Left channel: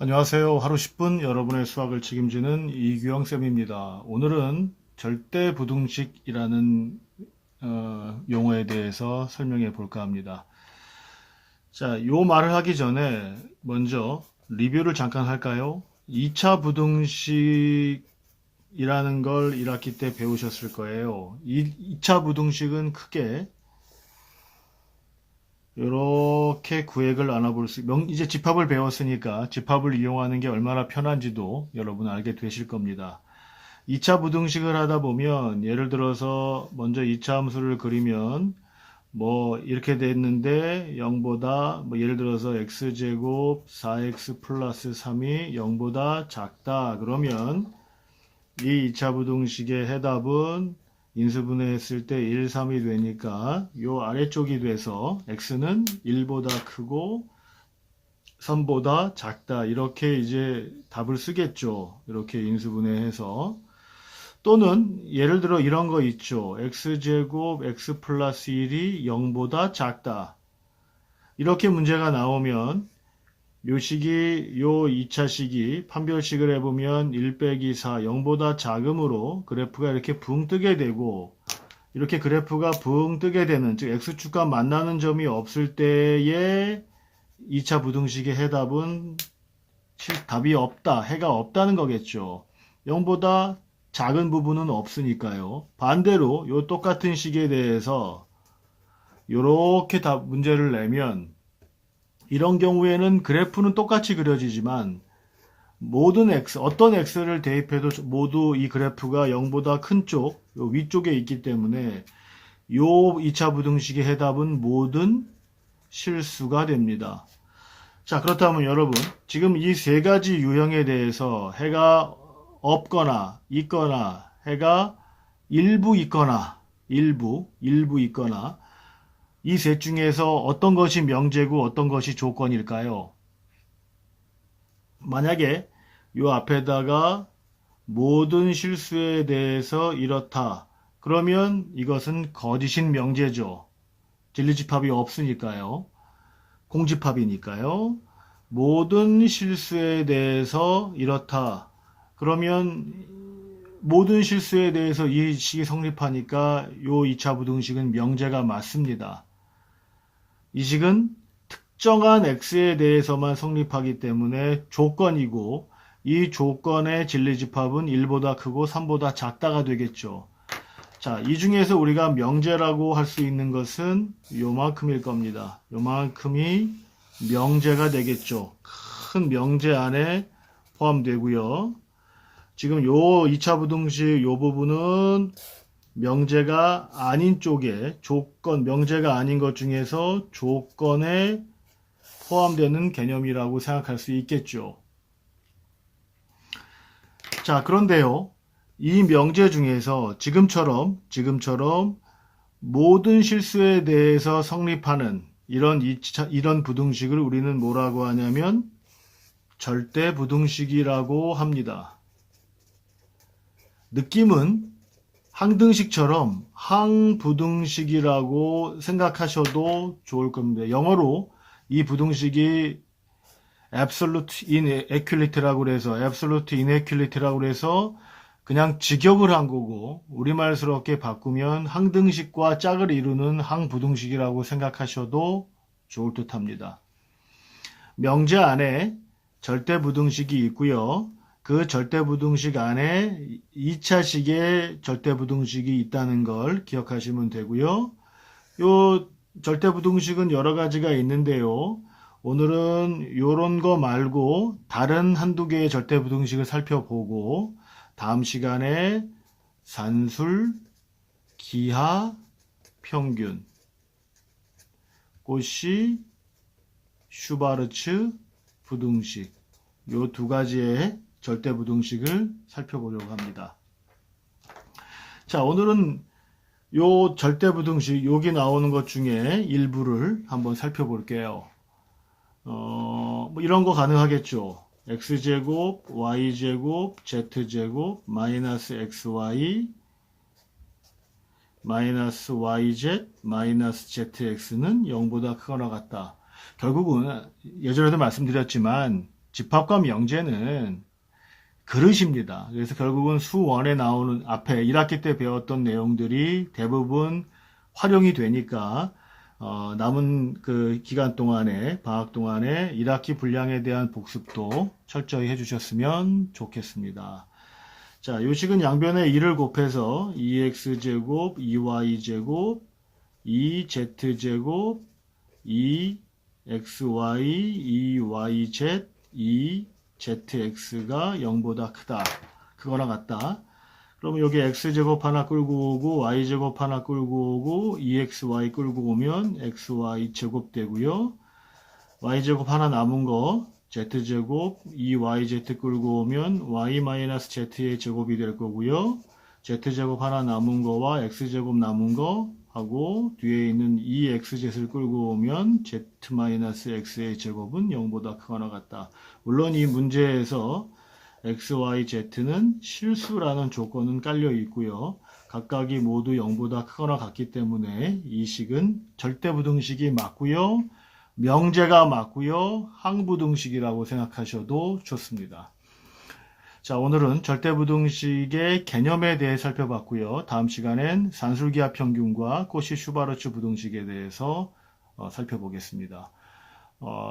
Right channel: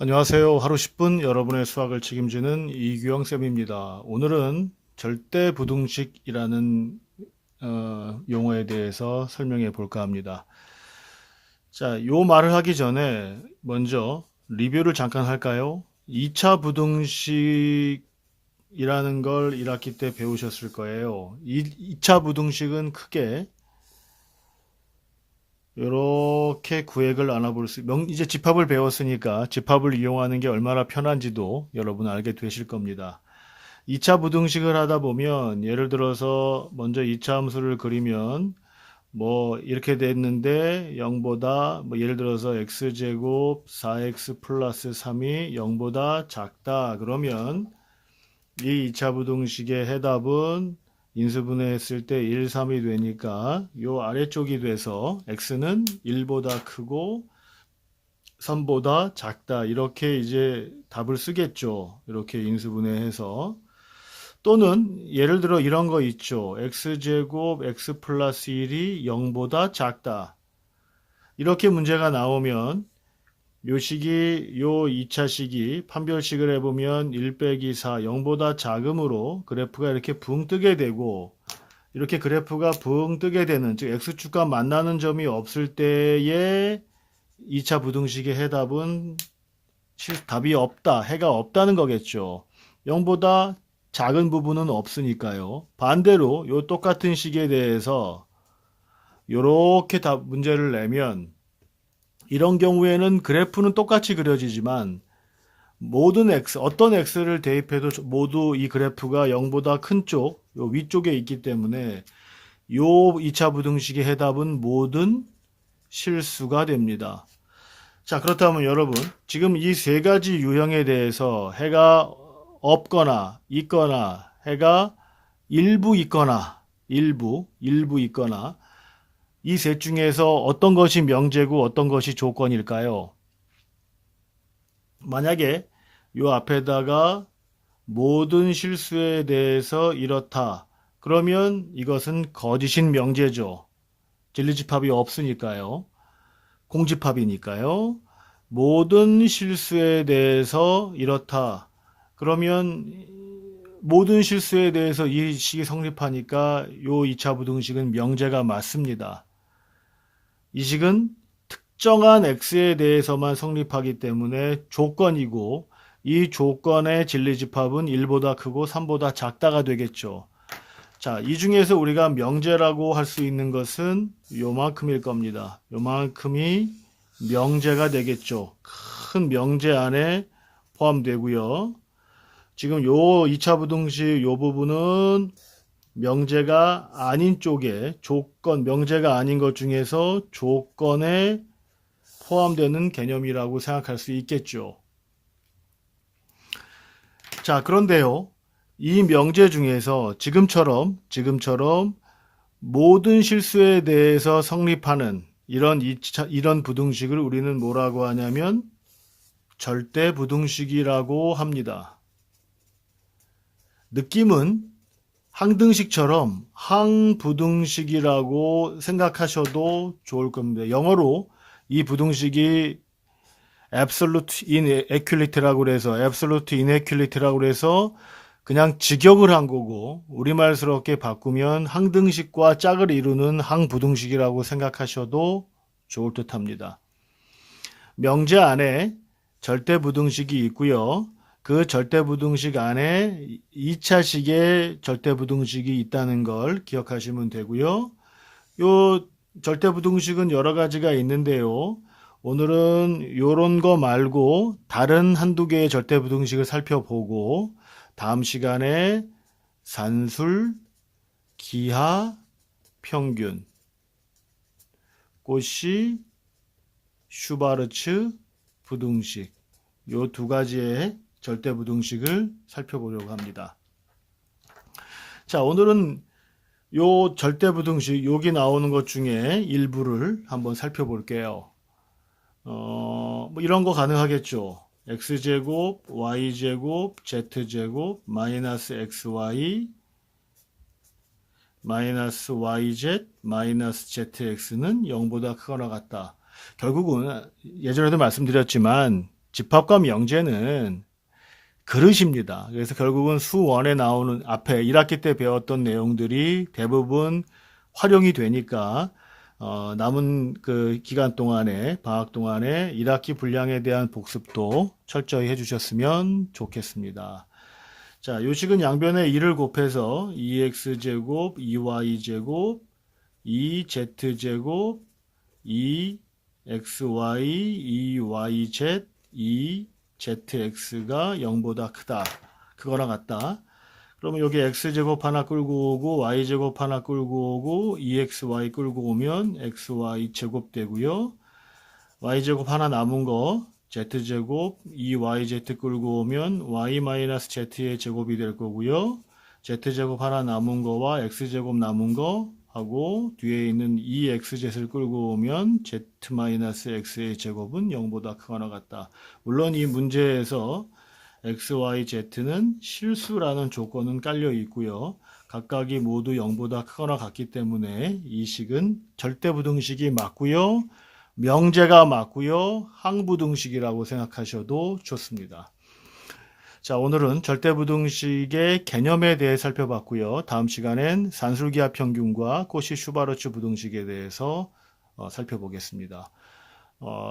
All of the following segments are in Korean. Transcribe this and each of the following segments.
안녕하세요. 하루 10분 여러분의 수학을 책임지는 이규영 쌤입니다. 오늘은 절대부등식이라는 용어에 대해서 설명해 볼까 합니다. 자, 요 말을 하기 전에 먼저 리뷰를 잠깐 할까요? 2차 부등식이라는 걸 1학기 때 배우셨을 거예요. 2차 부등식은 크게 이렇게 구획을 나눠볼 이제 집합을 배웠으니까 집합을 이용하는 게 얼마나 편한지도 여러분 알게 되실 겁니다. 2차 부등식을 하다 보면 예를 들어서 먼저 2차 함수를 그리면 뭐 이렇게 됐는데 0보다 뭐 예를 들어서 x제곱 4x 플러스 3이 0보다 작다 그러면 이 2차 부등식의 해답은 인수분해했을 때 1, 3이 되니까 요 아래쪽이 돼서 x는 1보다 크고 3보다 작다 이렇게 이제 답을 쓰겠죠. 이렇게 인수분해해서 또는 예를 들어 이런 거 있죠. x제곱 x 플러스 1이 0보다 작다. 이렇게 문제가 나오면 요 식이 요 2차 식이 판별식을 해보면 1 빼기 4 0보다 작음으로 그래프가 이렇게 붕 뜨게 되고 이렇게 그래프가 붕 뜨게 되는 즉 x축과 만나는 점이 없을 때의 2차 부등식의 해답은 답이 없다, 해가 없다는 거겠죠. 0보다 작은 부분은 없으니까요. 반대로 요 똑같은 식에 대해서 이렇게 문제를 내면 이런 경우에는 그래프는 똑같이 그려지지만 모든 x, 어떤 x를 대입해도 모두 이 그래프가 0보다 큰 쪽, 요 위쪽에 있기 때문에 요 2차 부등식의 해답은 모든 실수가 됩니다. 자, 그렇다면 여러분, 지금 이 세 가지 유형에 대해서 해가 없거나 있거나 해가 일부 있거나 일부 있거나 이 셋 중에서 어떤 것이 명제고 어떤 것이 조건일까요? 만약에 요 앞에다가 모든 실수에 대해서 이렇다. 그러면 이것은 거짓인 명제죠. 진리집합이 없으니까요. 공집합이니까요. 모든 실수에 대해서 이렇다. 그러면 모든 실수에 대해서 이 식이 성립하니까 요 2차 부등식은 명제가 맞습니다. 이 식은 특정한 x에 대해서만 성립하기 때문에 조건이고 이 조건의 진리집합은 1보다 크고 3보다 작다가 되겠죠. 자, 이 중에서 우리가 명제라고 할 수 있는 것은 요만큼일 겁니다. 요만큼이 명제가 되겠죠. 큰 명제 안에 포함되고요. 지금 요 2차 부등식 요 부분은 명제가 아닌 쪽에 명제가 아닌 것 중에서 조건에 포함되는 개념이라고 생각할 수 있겠죠. 자, 그런데요. 이 명제 중에서 지금처럼 모든 실수에 대해서 성립하는 이런 부등식을 우리는 뭐라고 하냐면 절대 부등식이라고 합니다. 느낌은 항등식처럼 항부등식이라고 생각하셔도 좋을 겁니다. 영어로 이 부등식이 absolute inequality라고 해서 absolute inequality라고 해서 그냥 직역을 한 거고 우리말스럽게 바꾸면 항등식과 짝을 이루는 항부등식이라고 생각하셔도 좋을 듯합니다. 명제 안에 절대부등식이 있고요. 그 절대부등식 안에 2차식의 절대부등식이 있다는 걸 기억하시면 되고요. 요 절대부등식은 여러 가지가 있는데요. 오늘은 요런 거 말고 다른 한두 개의 절대부등식을 살펴보고 다음 시간에 산술, 기하, 평균, 꼬시, 슈바르츠 부등식 요 두 가지의 절대부등식을 살펴보려고 합니다. 자, 오늘은 요 절대부등식 여기 나오는 것 중에 일부를 한번 살펴볼게요. 뭐 이런 거 가능하겠죠. x제곱, y제곱, z제곱, 마이너스 xy, 마이너스 yz, 마이너스 zx는 0보다 크거나 같다. 결국은 예전에도 말씀드렸지만 집합과 명제는 그릇입니다. 그래서 결국은 수원에 나오는 앞에 1학기 때 배웠던 내용들이 대부분 활용이 되니까 남은 그 기간 동안에 방학 동안에 1학기 분량에 대한 복습도 철저히 해주셨으면 좋겠습니다. 자, 요식은 양변에 2를 곱해서 2x제곱, 2y제곱, 2z제곱, 2xy, 2yz, 2zx가 0보다 크다. 그거랑 같다. 그러면 여기 x제곱 하나 끌고 오고 y제곱 하나 끌고 오고 2xy 끌고 오면 xy 제곱 되고요. y제곱 하나 남은 거 z제곱 2yz 끌고 오면 y-z의 제곱이 될 거고요. z제곱 하나 남은 거와 x제곱 남은 거 하고 뒤에 있는 2xz를 끌고 오면 z-x의 제곱은 0보다 크거나 같다. 물론 이 문제에서 x, y, z는 실수라는 조건은 깔려 있고요. 각각이 모두 0보다 크거나 같기 때문에 이 식은 절대부등식이 맞고요. 명제가 맞고요. 항부등식이라고 생각하셔도 좋습니다. 자, 오늘은 절대부등식의 개념에 대해 살펴봤고요. 다음 시간엔 산술기하 평균과 코시-슈바르츠 부등식에 대해서 살펴보겠습니다.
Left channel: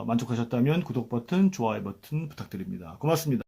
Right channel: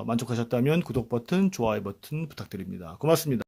만족하셨다면 구독 버튼, 좋아요 버튼 부탁드립니다. 고맙습니다.